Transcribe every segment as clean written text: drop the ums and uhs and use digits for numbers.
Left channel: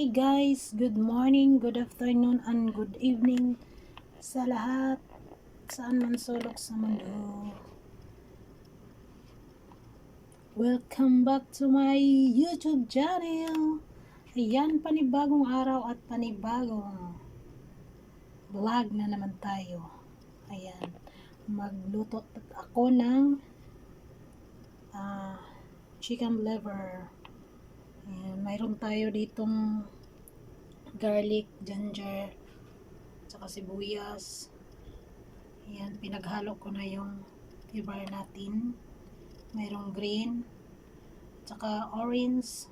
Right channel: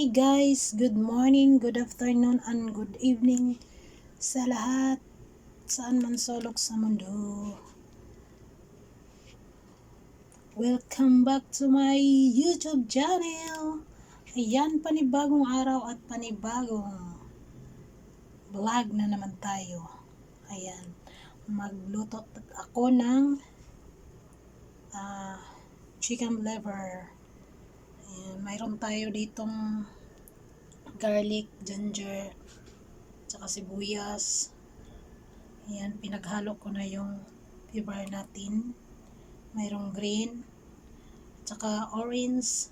Hi guys, good morning, good afternoon, and good evening sa lahat, saan man sulok sa mundo. Welcome back to my YouTube channel. Ayan, panibagong araw at panibagong vlog na naman tayo. Ayan, magluto ako ng chicken liver. Ayan, mayroon tayo ditong garlic, ginger, tsaka sibuyas. Ayan, pinaghalo ko na yung liver natin. Mayroong green, tsaka orange,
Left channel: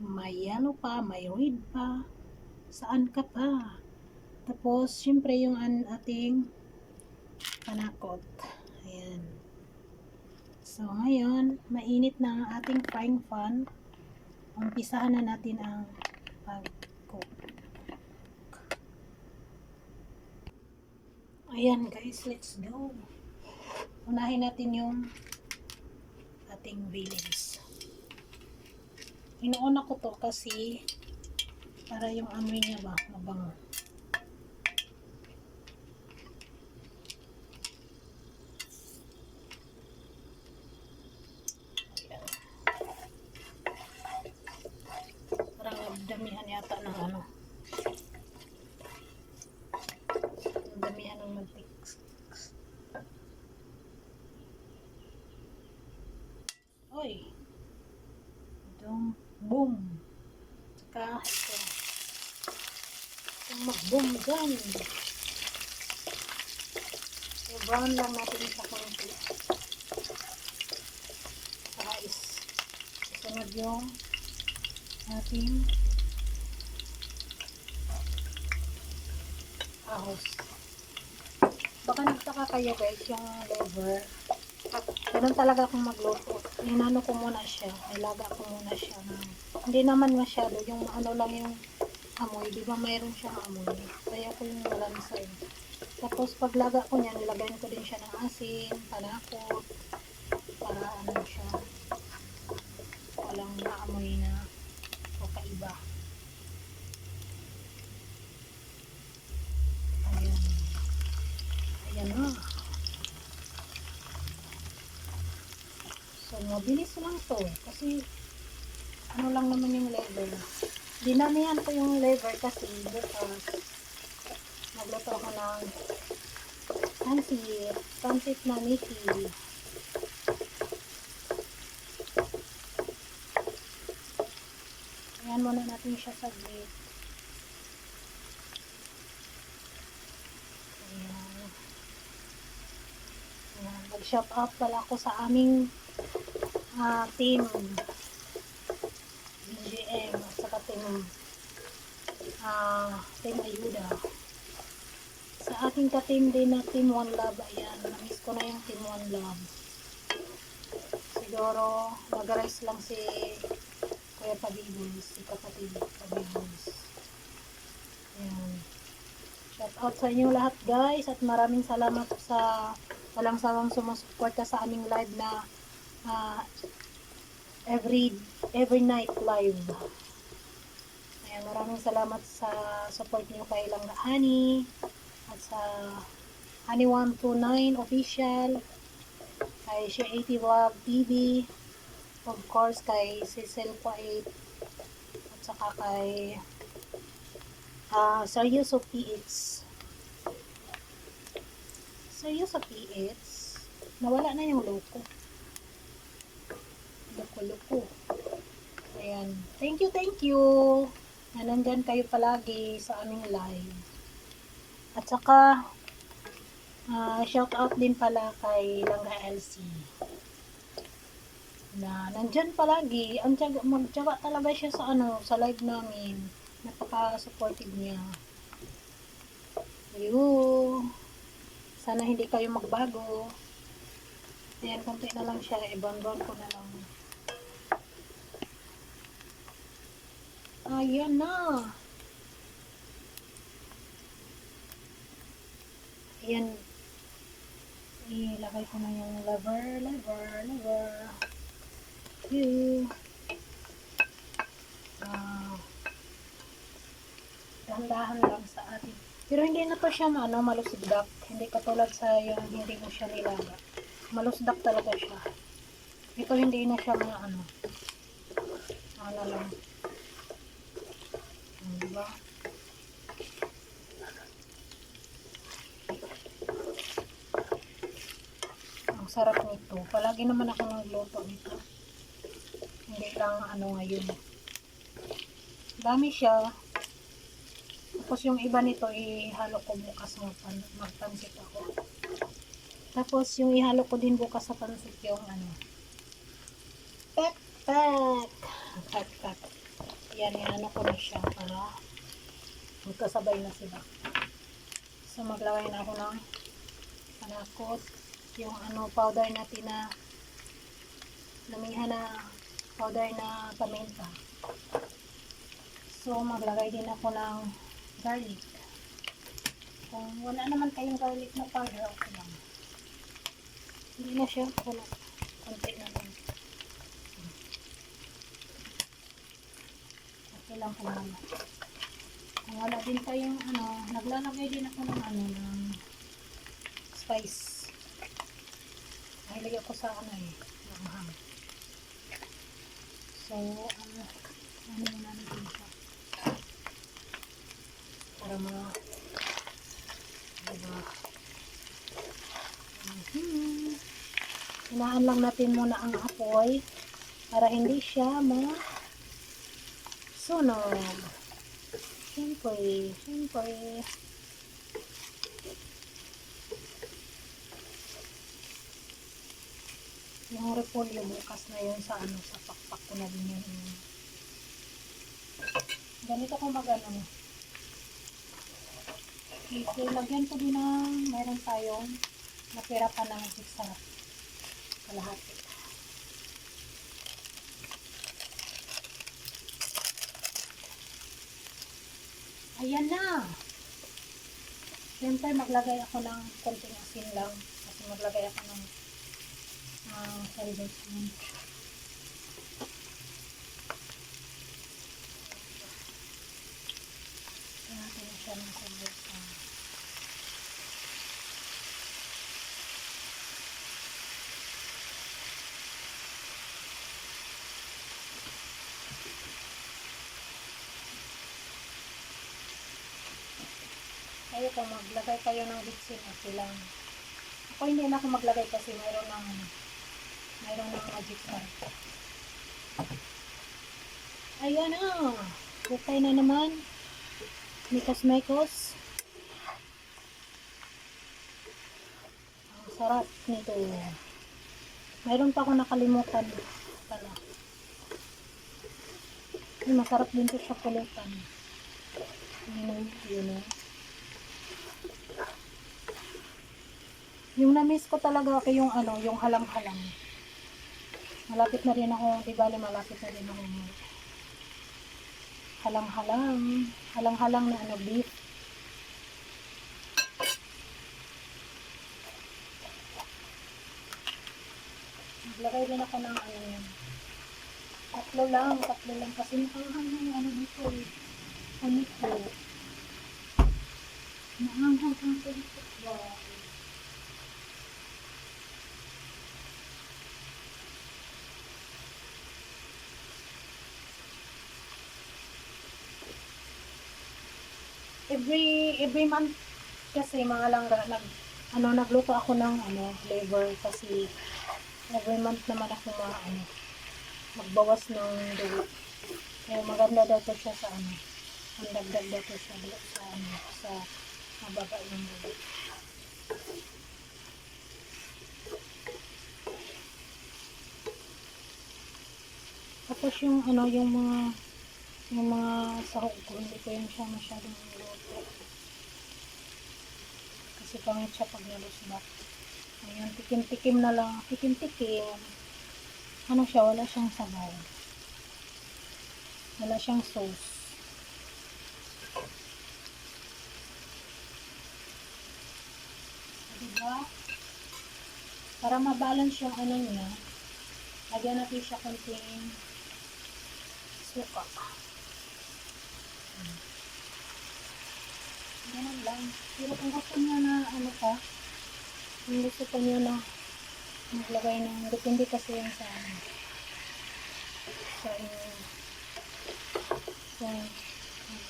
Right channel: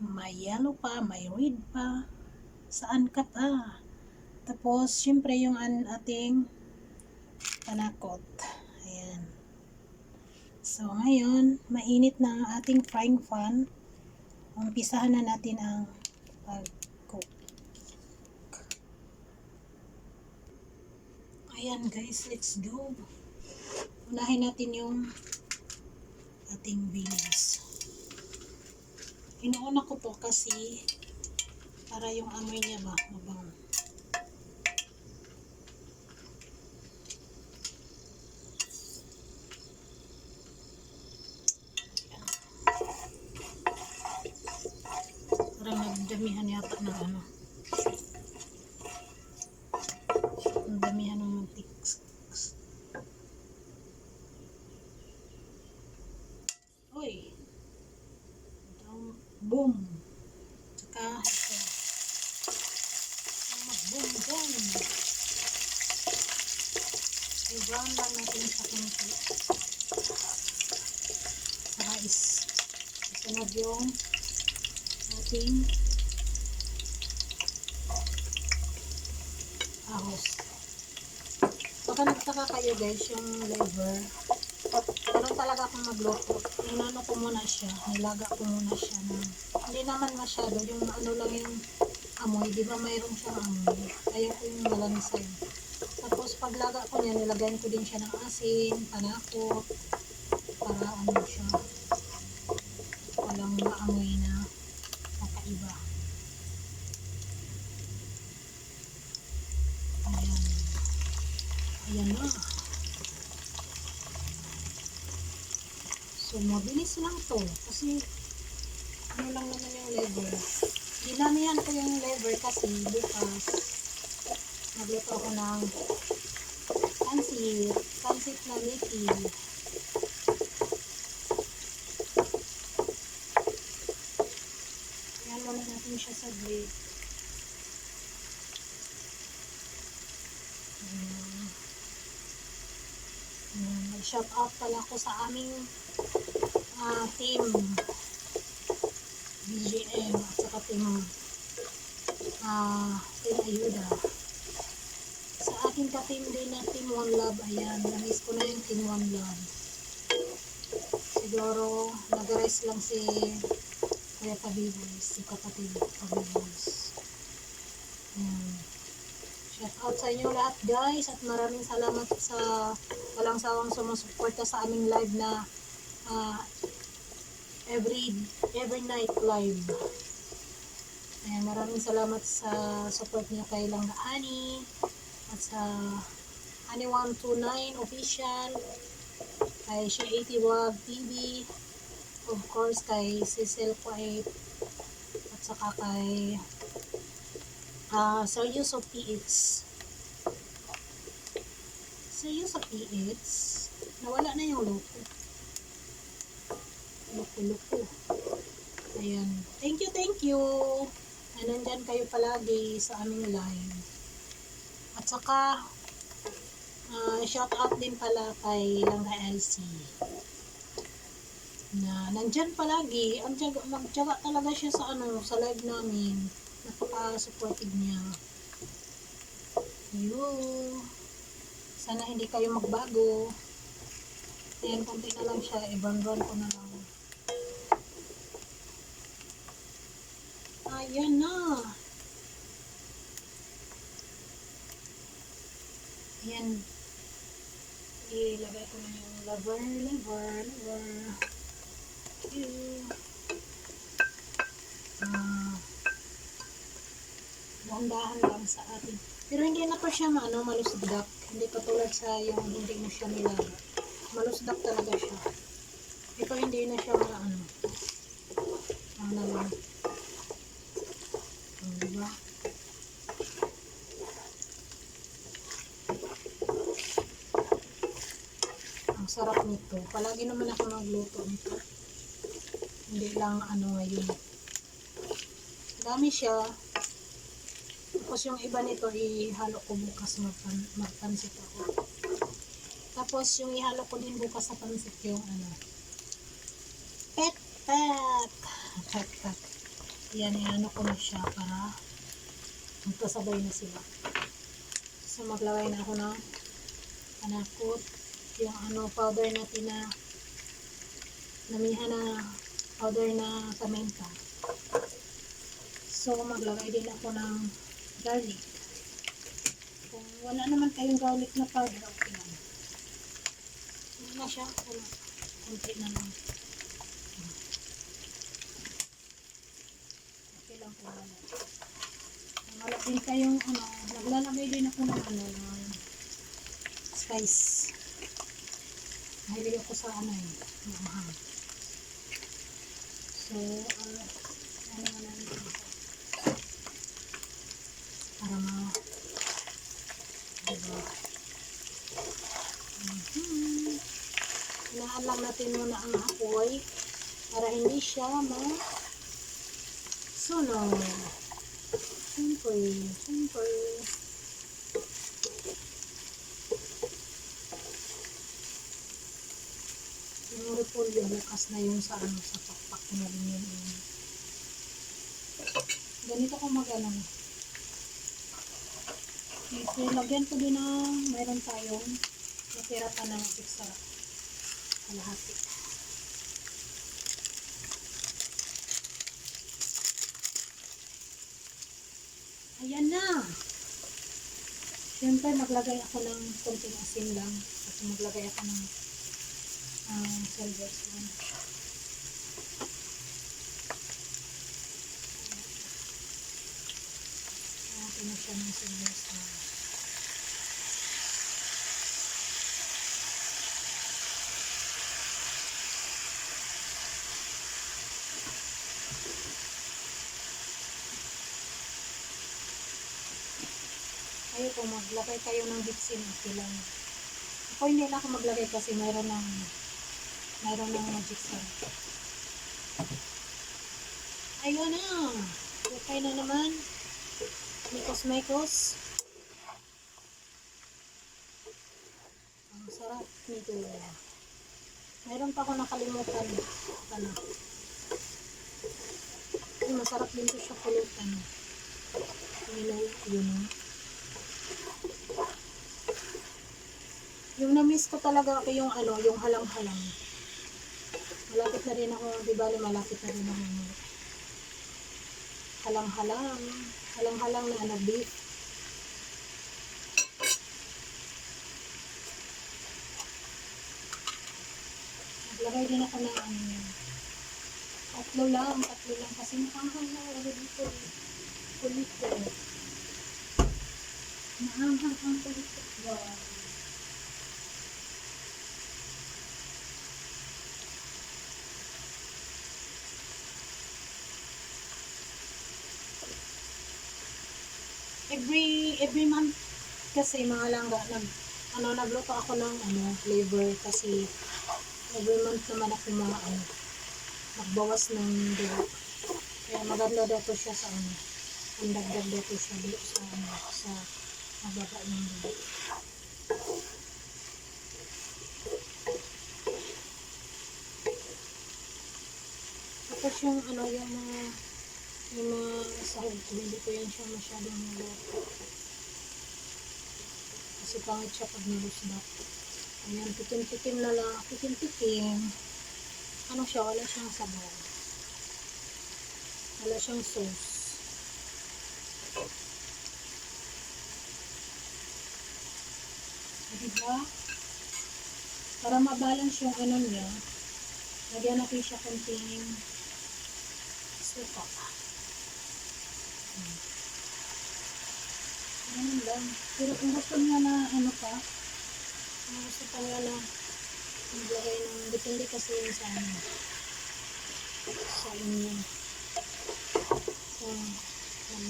may yellow pa, may red pa. Saan ka pa? Tapos, syempre yung ating panakot. Ayan. So, ngayon, mainit na ang ating frying pan. Umpisahan na natin ang pag-cook. Ayan guys, let's go. Unahin natin yung ating beans. Inuuna ko to kasi para yung amoy niya ba mabango. Parang nagdamihan yata ng ano. Damihan ng mantik. Oy. Itong boom. Tsaka ito. Itong mag-boom dyan. I-brown lang natin sa konti. Sa rice. Kasunod yung ating ahos. Baka nagtaka kayo guys, yung liver. Ganun talaga akong magluto. Inano ko muna siya. Nilaga ko muna siya. Hindi naman masyado. Yung ano lang yung amoy. Di ba mayroon siyang amoy? Kaya ko yung malansay. Tapos paglaga ko niya, nilagayan ko din siya ng asin, panakot. Para ano siya. Walang maamoy na kakaiba. Ayan. Ayan na. So, mabilis lang to. Kasi, ano lang naman yung liver. Dinamihan ko yung liver kasi bukas nagluto ako ng pansit na Mickey. Ayan muna natin siya sa grit. Ayan. Nag-shout out pala ako sa aming team BGM at saka team Ayuda. Sa aking ka-team din na Team One Love, ayan, na-miss ko na yung Team One Love. Siguro, nag-rise lang si Kuya Tabiboys, si kapatid Tabiboys. Ayan. Shout out sa inyo lahat guys at maraming salamat sa walang sawang sumusuporta sa aming live na every night live. Ayan, maraming salamat sa support niyo kay Langga Ani at sa Ani129 official, kay She 80 Vlog TV, of course kay Cecil Poet at saka kay Seryoso PH. Seryoso PH, nawala na yung loko. Loko. Ayan. Thank you. Na nandyan kayo palagi sa aming live. At saka, shout out din pala kay Langga LC. Na nandyan palagi. Magtyaga talaga siya sa sa live namin. Napaka-supportive niya. Sana hindi kayo magbago. Ayan, konti na lang siya. I-brown ko na lang. Ayan na. Ayan. Ilagay ko na yung liver. Okay. dahan-dahan lang sa atin. Pero hindi na to siya malusdak. Hindi katulad sa yung hindi mo siya nilaga. Malusdak talaga siya. Ito hindi na siya na lang. Diba? Ang sarap nito. Palagi naman ako nagluto nito. Hindi lang ngayon. Dami siya. Tapos yung iba nito ihalo ko bukas magpansit ako. Tapos yung ihalo ko din bukas sa pansit yung pek-pek. Pek-pek. Yan, ihano ko na siya para magkasabay na sila. So maglagay na ako ng panakot. Yung powder natin na namihan na powder na paminta. So maglagay din ako ng garlic. Kung wala naman kayong garlic na powder, okay lang. Hindi na siya. Konti na lang. Okay lang kung wala. Kung wala din kayong naglalagay din ako ng ng spice. Mahilig ako sa mahang. So, mo na natin siya. Para diba? Hinaan lang natin muna ang apoy para hindi siya sunog. Simple. Yung repolyo bukas na yun sa pakpak ko na din yun. Ganito ko Okay, lagyan ko din mayroon tayong natira pa ng sa kalahati. Ayan na. Siyempre maglagay ako ng konting asin lang kasi maglagay ako ng silver spoon. Natin na siya ng silver spoon. Kayo kung maglagay kayo ng bitsin, okay lang. Ako hindi na ako maglagay kasi mayroon ng magic sarap. Ayun na. Okay na naman. Mikos. Ang sarap nito. Mayroon pa ako nakalimutan. Masarap din ito siya pulutan. Yun. Yung na-miss ko talaga yung yung halang-halang. Malapit na rin ako, di ba malapit na rin ako. Halang-halang na beef. Naglagay din ako ng tatlo lang kasi maanghang dito. Pulito. Maanghang ang pulito. Wow. Every month kasi mga langga nagluto ako ng flavor kasi every month naman ako magbawas ng dugo. Kaya maganda daw to siya sa indagdag daw to siya sa mababa ng dugo. Tapos yung mga sahog ko, hindi ko yan siya masyadong niluto. Kasi pangit siya pag nilusdak. Ayan, tikim-tikim na lang. Tikim-tikim. Siya, wala siyang sabaw. Wala siyang sauce. Diba? Para mabalance yung niya, lagyan natin siya konting suka. Ganun lang. Pero kung gusto niyo na ano pa, kung gusto pa niyo na maglagay ng, depende kasi yun sa ano, sa inyo. So,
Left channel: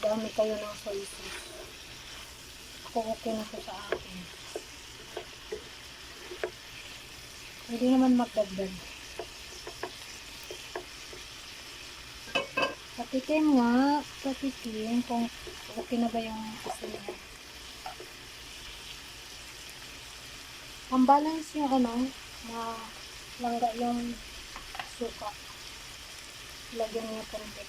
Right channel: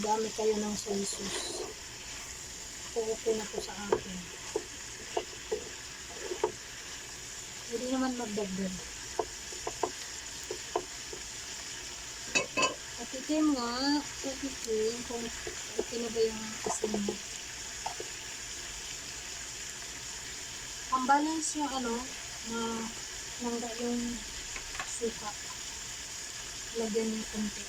dami kayo ng soy sauce. Ako okay na po sa akin. Pwede naman magdagdag. Patikim nga, patikim kung okay na ba yung asin niya. Ang balance yung ano, na langga yung suka. Lagyan niya konti.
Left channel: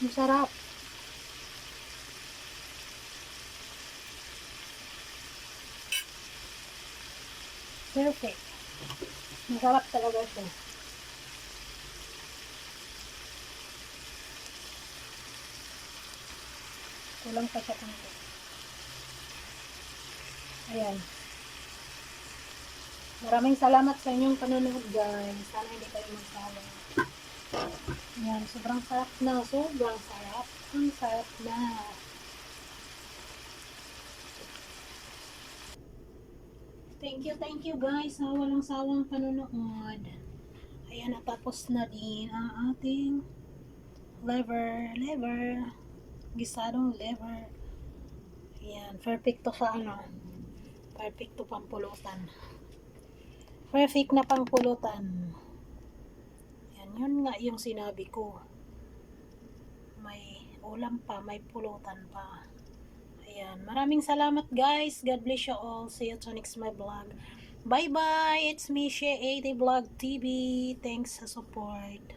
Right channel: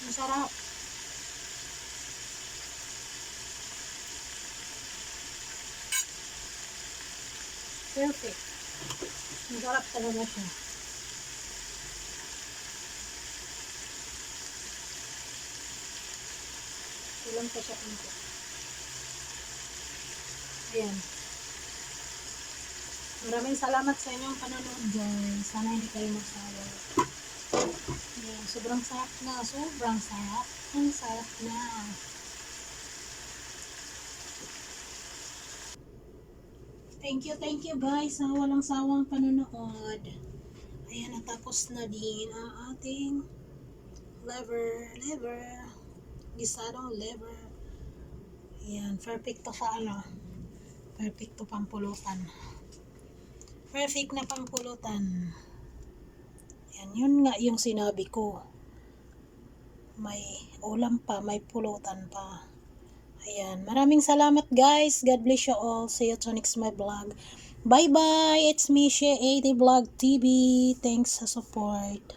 Masarap. Perfect. Masarap talaga siya. Kulang pa siya konti. Ayan. Maraming salamat sa inyong panonood guys. Sana hindi kayo magsawa. Ayan. Sobrang sarap na. Sobrang sarap. Ang sarap na. Thank you guys sa walang sawang panonood. Ayan, natapos na din ang ating liver. Gisadong liver. Ayan, perfecto sa ano. Perfecto pampulutan. Perfect na pangpulutan. Ayan, yun nga yung sinabi ko. May ulam pa, may pulutan pa. Ayan, maraming salamat guys. God bless you all. See you to next my vlog. Bye bye. It's me, Shea 80 Vlog TV. Thanks sa support.